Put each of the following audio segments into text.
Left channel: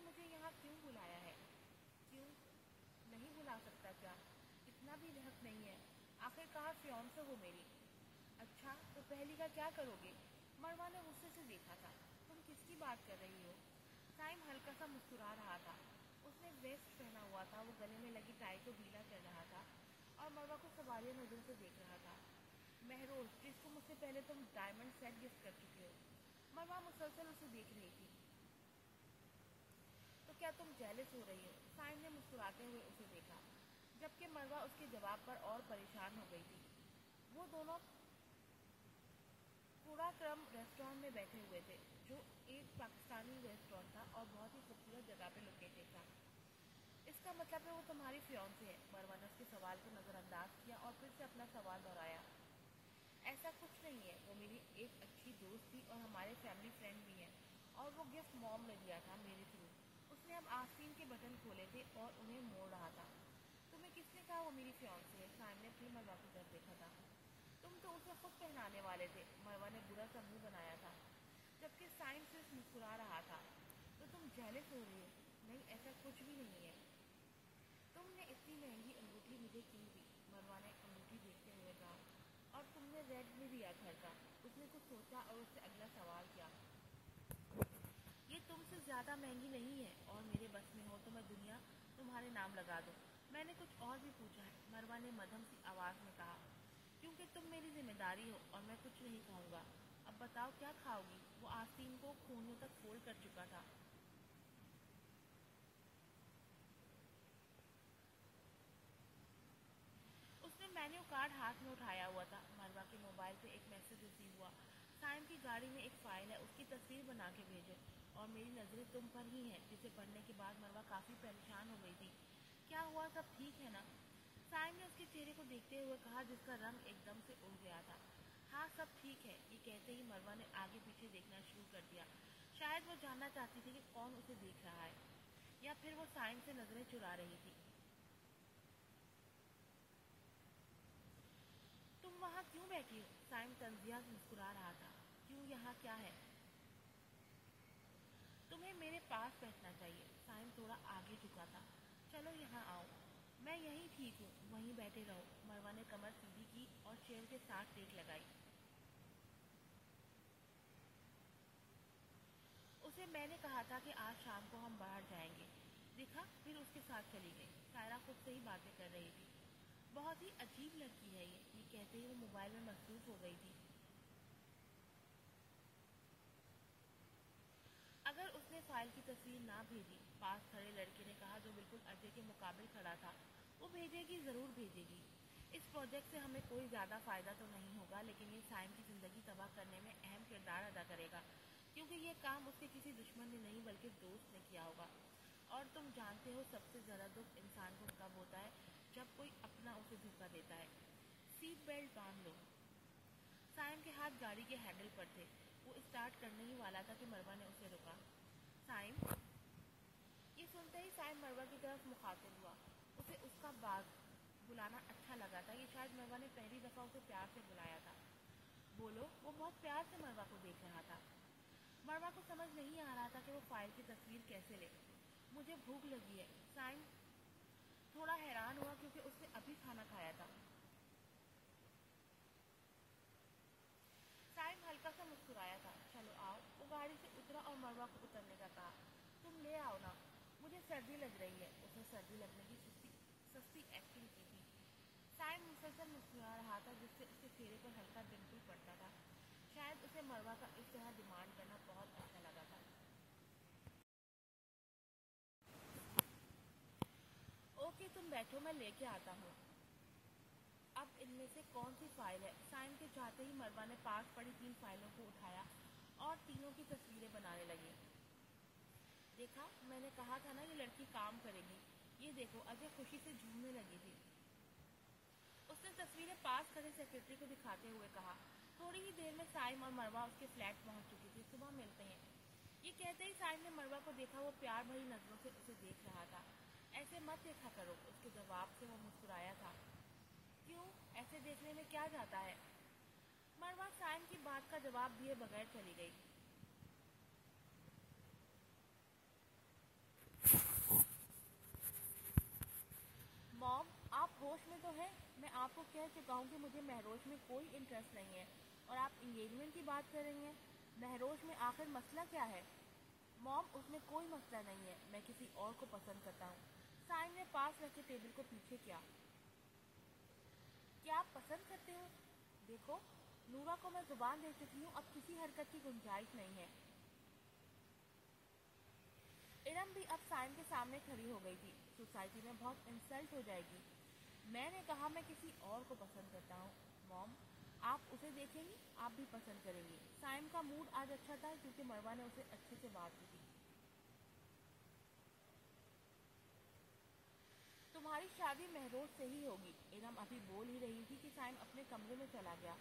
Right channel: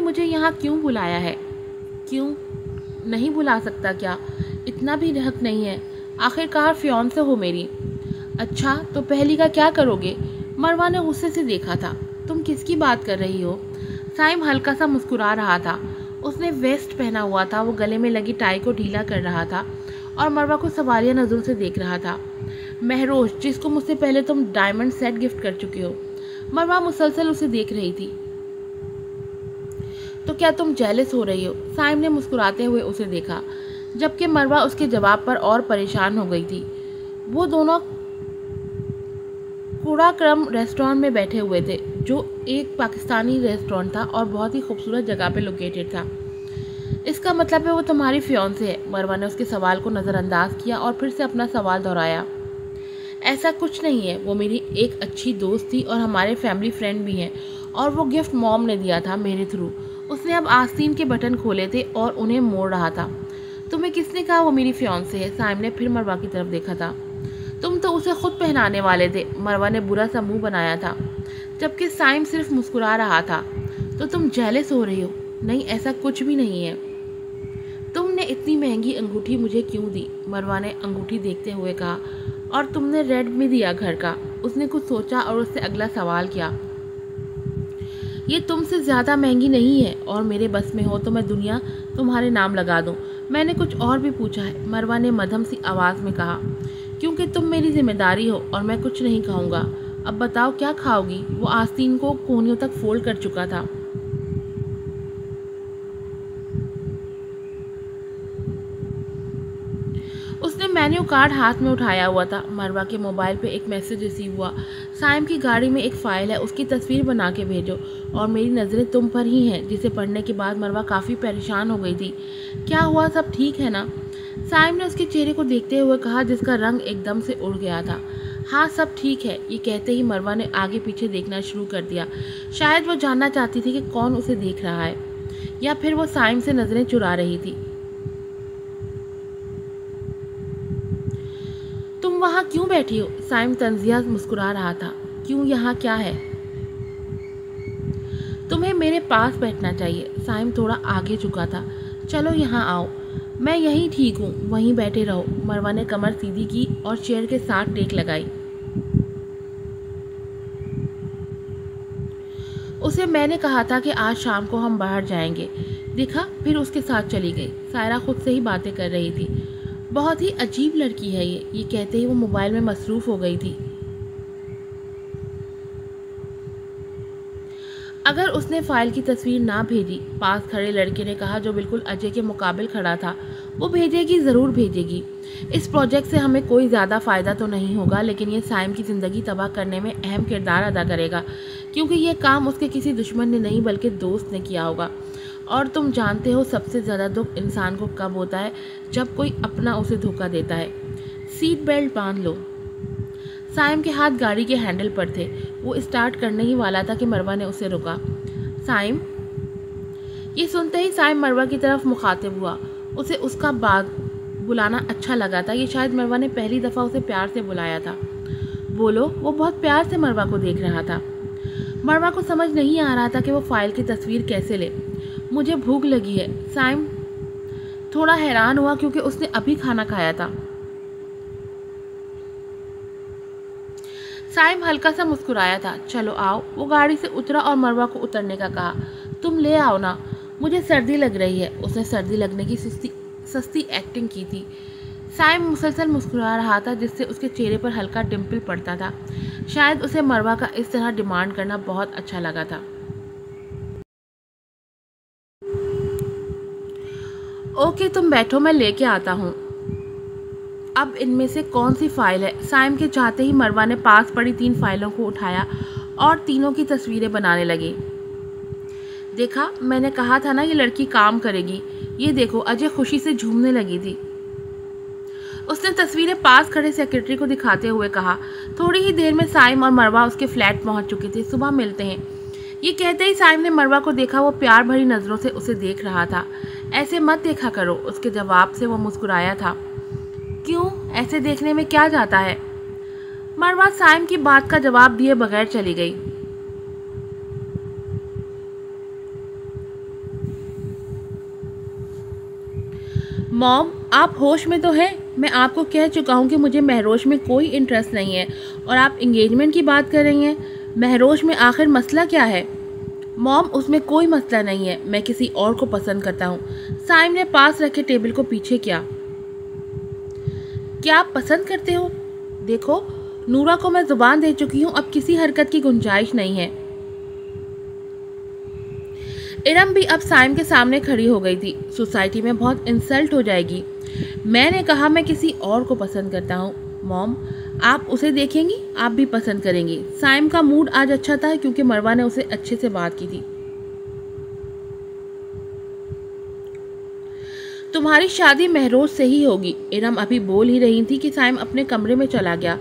مجھے یہاں کیوں بلایا ہے؟ کیوں نہیں بلا سکتا کیا؟ اتنا بھی حق نہیں ہے، آخر کار فیانسے ہو میری۔ اچھا تو پہلی کا کیا کرو گے؟ مروہ نے غصے سے دیکھا تھا۔ تم کس کی بات کر رہی ہو؟ سائم ہلکا سا مسکرا رہا تھا۔ اس نے ویسٹ پہنا ہوا تھا، وہ گلے میں لگی ٹائی کو ڈھیلا کر رہا تھا اور مروہ کو سوالیہ نظروں سے دیکھ رہا تھا۔ مہروش، جس کو مجھ سے پہلے تم ڈائمنڈ سیٹ گفٹ کر چکے ہو۔ مروہ مسلسل اسے دیکھ رہی تھی۔ تو کیا تم جیلس ہو رہی ہو؟ سائم نے مسکراتے ہوئے اسے دیکھا، جبکہ مروہ اس کے جواب پر اور پریشان ہو گئی تھی۔ وہ دونوں کوڑا کرم ریسٹورانٹ میں بیٹھے ہوئے تھے، جو ایک پاکستانی ریسٹورانٹ تھا اور بہت ہی خوبصورت جگہ پہ لوکیٹڈ تھا۔ اس کا مطلب ہے وہ تمہاری فیانسے ہے؟ مروہ نے اس کے سوال کو نظر انداز کیا اور پھر سے اپنا سوال دہرایا۔ ایسا کچھ نہیں ہے، وہ میری ایک اچھی دوست تھی اور ہمارے فیملی فرینڈ بھی ہیں، اور وہ گفٹ موم نے دیا تھا میرے تھرو۔ اس نے اب آستین کے بٹن کھولے تھے اور انہیں موڑ رہا تھا۔ تمہیں کس نے کہا وہ میری فیانسے ہے؟ سائم نے پھر مروہ کی طرف دیکھا تھا۔ تم تو اسے خود پہنانے والے تھے۔ مروہ نے برا سا منہ بنایا تھا، جبکہ سائم صرف مسکرا رہا تھا۔ تو تم جیلس ہو رہی ہو؟ نہیں، ایسا کچھ بھی نہیں ہے۔ تم نے اتنی مہنگی انگوٹھی مجھے کیوں دی؟ مروہ نے انگوٹھی دیکھتے ہوئے کہا۔ اور تم نے ریڈ میں دیا گھر کا؟ اس نے کچھ سوچا اور اس سے اگلا سوال کیا۔ یہ تم سے زیادہ مہنگی نہیں ہے، اور میرے بس میں ہو تو میں دنیا تمہارے نام لگا دوں۔ میں نے کچھ اور بھی پوچھا ہے، مروہ نے مدھم سی آواز میں کہا، کیونکہ تم میری ذمہ داری ہو اور میں کچھ نہیں کھاؤں گا۔ اب بتاؤ کیا کھاؤ گی؟ وہ آستین کو کونیوں تک فولڈ کر چکا تھا۔ اس نے مینیو کارڈ ہاتھ میں اٹھایا ہوا تھا۔ مروہ کے موبائل پہ ایک میسج ریسیو ہوا۔ سائم کی گاڑی میں ایک فائل ہے، اس کی تصویر بنا کے بھیجو، اور میری نظریں تم پر ہی ہیں۔ جسے پڑھنے کے بعد مروہ کافی پریشان ہو گئی تھی۔ کیا ہوا؟ سب ٹھیک ہے نا؟ سائم نے اس کے چہرے کو دیکھتے ہوئے کہا، جس کا رنگ ایک دم سے اڑ گیا تھا۔ ہاں سب ٹھیک ہے۔ یہ کہتے ہی مروہ نے آگے پیچھے دیکھنا شروع کر دیا۔ شاید وہ جاننا چاہتی تھی کہ کون اسے دیکھ رہا ہے، یا پھر وہ سائم سے نظریں چرا رہی تھی۔ تم وہاں کیوں بیٹھی ہو؟ سائم طنزیہ مسکرا رہا تھا۔ کیوں؟ یہاں کیا ہے؟ تمہیں میرے پاس بیٹھنا چاہیے۔ سائم تھوڑا آگے جھکا تھا۔ چلو یہاں آؤ، میں یہیں ٹھیک ہوں، وہیں بیٹھے رہو۔ مروہ نے کمر سیدھی کی اور چیئر کے ساتھ ٹیک لگائی۔ اسے میں نے کہا تھا کہ آج شام کو ہم باہر جائیں گے، دیکھا؟ پھر اس کے ساتھ چلی گئی۔ سائرہ خود سے ہی باتیں کر رہی تھی۔ بہت ہی عجیب لڑکی ہے یہ کہتے ہی وہ موبائل میں مصروف ہو گئی تھی۔ اگر اس نے فائل کی تصویر نہ بھیجی، پاس کھڑے لڑکے نے کہا جو بالکل اجے کے مقابل کھڑا تھا، وہ بھیجے گی، ضرور بھیجے گی۔ اس پروجیکٹ سے ہمیں کوئی زیادہ فائدہ تو نہیں ہوگا، لیکن یہ سائم کی زندگی تباہ کرنے میں اہم کردار ادا کرے گا، کیونکہ یہ کام اس کے کسی دشمن نے نہیں بلکہ دوست نے کیا ہوگا۔ اور تم جانتے ہو سب سے زیادہ دکھ انسان کو کب ہوتا ہے؟ جب کوئی اپنا اسے دھوکہ دیتا ہے۔ سیٹ بیلٹ باندھ لو۔ سائم کے ہاتھ گاڑی کے ہینڈل پر تھے۔ وہ اسٹارٹ کرنے ہی والا تھا کہ مروہ نے اسے روکا۔ سائم؟ یہ سنتے ہی سائم مروہ کی طرف مخاطب ہوا۔ اسے اس کا بلانا اچھا لگا تھا۔ یہ شاید مروہ نے پہلی دفعہ اسے پیار سے بلایا تھا۔ بولو۔ وہ بہت پیار سے مروہ کو دیکھ رہا تھا۔ مروہ کو سمجھ نہیں آ رہا تھا کہ وہ فائل کی تصویر کیسے لے۔ مجھے بھوک لگی ہے۔ سائم تھوڑا حیران ہوا کیونکہ اس نے ابھی کھانا کھایا تھا۔ سائم ہلکا سا مسکرایا تھا۔ چلو آؤ۔ وہ گاڑی سے اترا اور مروہ کو اترنے کا کہا۔ تم لے آؤ نا، مجھے سردی لگ رہی ہے۔ اس نے سردی لگنے کی سستی ایکٹنگ کی تھی۔ سائم مسلسل مسکرا رہا تھا، جس سے اس کے چہرے پر ہلکا ڈمپل پڑتا تھا۔ شاید اسے مروہ کا اس طرح ڈیمانڈ کرنا بہت اچھا لگا تھا۔ اوکے تم بیٹھو، میں لے کے آتا ہوں۔ اب ان میں سے کون سی فائل ہے؟ سائم کے چاہتے ہی مروہ نے پاس پڑی 3 فائلوں کو اٹھایا اور تینوں کی تصویریں بنانے لگی۔ دیکھا، میں نے کہا تھا نا یہ لڑکی کام کرے گی۔ یہ دیکھو، اجے خوشی سے جھومنے لگی تھی۔ اس نے تصویریں پاس کھڑے سیکرٹری کو دکھاتے ہوئے کہا۔ تھوڑی ہی دیر میں سائم اور مروہ اس کے فلیٹ پہنچ چکے تھے۔ صبح ملتے ہیں۔ یہ کہتے ہی سائم نے مروہ کو دیکھا۔ وہ پیار بھری نظروں سے اسے دیکھ رہا تھا۔ ایسے مت دیکھا کرو۔ اس کے جواب سے وہ مسکرایا تھا۔ کیوں؟ ایسے دیکھنے میں کیا جاتا ہے؟ مروہ سائم کی بات کا جواب دیے بغیر چلی گئی۔ موم آپ ہوش میں تو ہیں؟ میں آپ کو کہہ چکا ہوں کہ مجھے مہروش میں کوئی انٹرسٹ نہیں ہے، اور آپ انگیجمنٹ کی بات کر رہی ہیں۔ مہروش میں آخر مسئلہ کیا ہے؟ موم اس میں کوئی مسئلہ نہیں ہے، میں کسی اور کو پسند کرتا ہوں۔ سائم نے پاس رکھے ٹیبل کو پیچھے کیا آپ پسند کرتے ہو؟ دیکھو نورا کو میں زبان دے چکی ہوں، اب کسی حرکت کی گنجائش نہیں ہے۔ ارم بھی اب سائم کے سامنے کھڑی ہو گئی تھی۔ سوسائٹی میں بہت انسلٹ ہو جائے گی۔ میں نے کہا میں کسی اور کو پسند کرتا ہوں۔ موم آپ اسے دیکھیں گی، آپ بھی پسند کریں گی۔ سائم کا موڈ آج اچھا تھا کیونکہ مروہ نے اسے اچھے سے بات کی تھی۔ تمہاری شادی مہروز سے ہی ہوگی۔ ارم ابھی بول ہی رہی تھی کہ سائم اپنے کمرے میں چلا گیا۔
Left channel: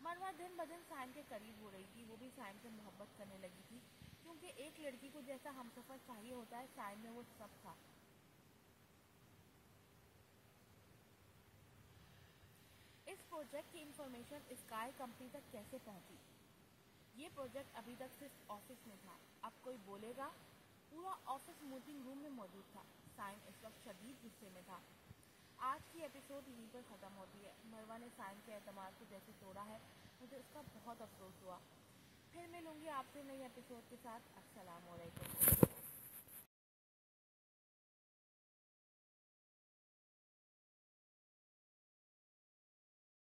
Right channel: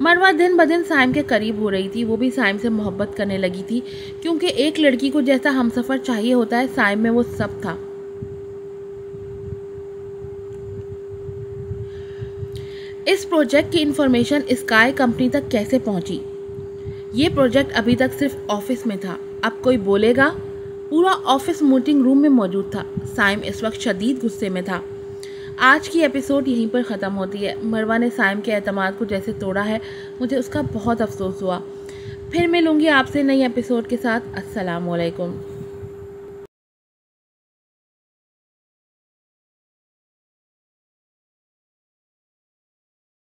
مروہ دن بدن سائم کے قریب ہو رہی تھی، وہ بھی سائم سے محبت کرنے لگی تھی، کیونکہ ایک لڑکی کو جیسا ہمسفر چاہیے ہوتا ہے، سائم میں وہ سب تھا۔ اس پروجیکٹ کی انفارمیشن اسکائی کمپنی تک کیسے پہنچی؟ یہ پروجیکٹ ابھی تک صرف آفس میں تھا، اب کوئی بولے گا؟ پورا آفس میٹنگ روم میں موجود تھا۔ سائم اس وقت شدید غصے میں تھا۔ آج کی ایپیسوڈ یہیں پر ختم ہوتی ہے۔ مروہ نے سائم کے اعتماد کو جیسے توڑا ہے، مجھے اس کا بہت افسوس ہوا۔ پھر ملوں گی آپ سے نئی ایپیسوڈ کے ساتھ۔ السلام علیکم۔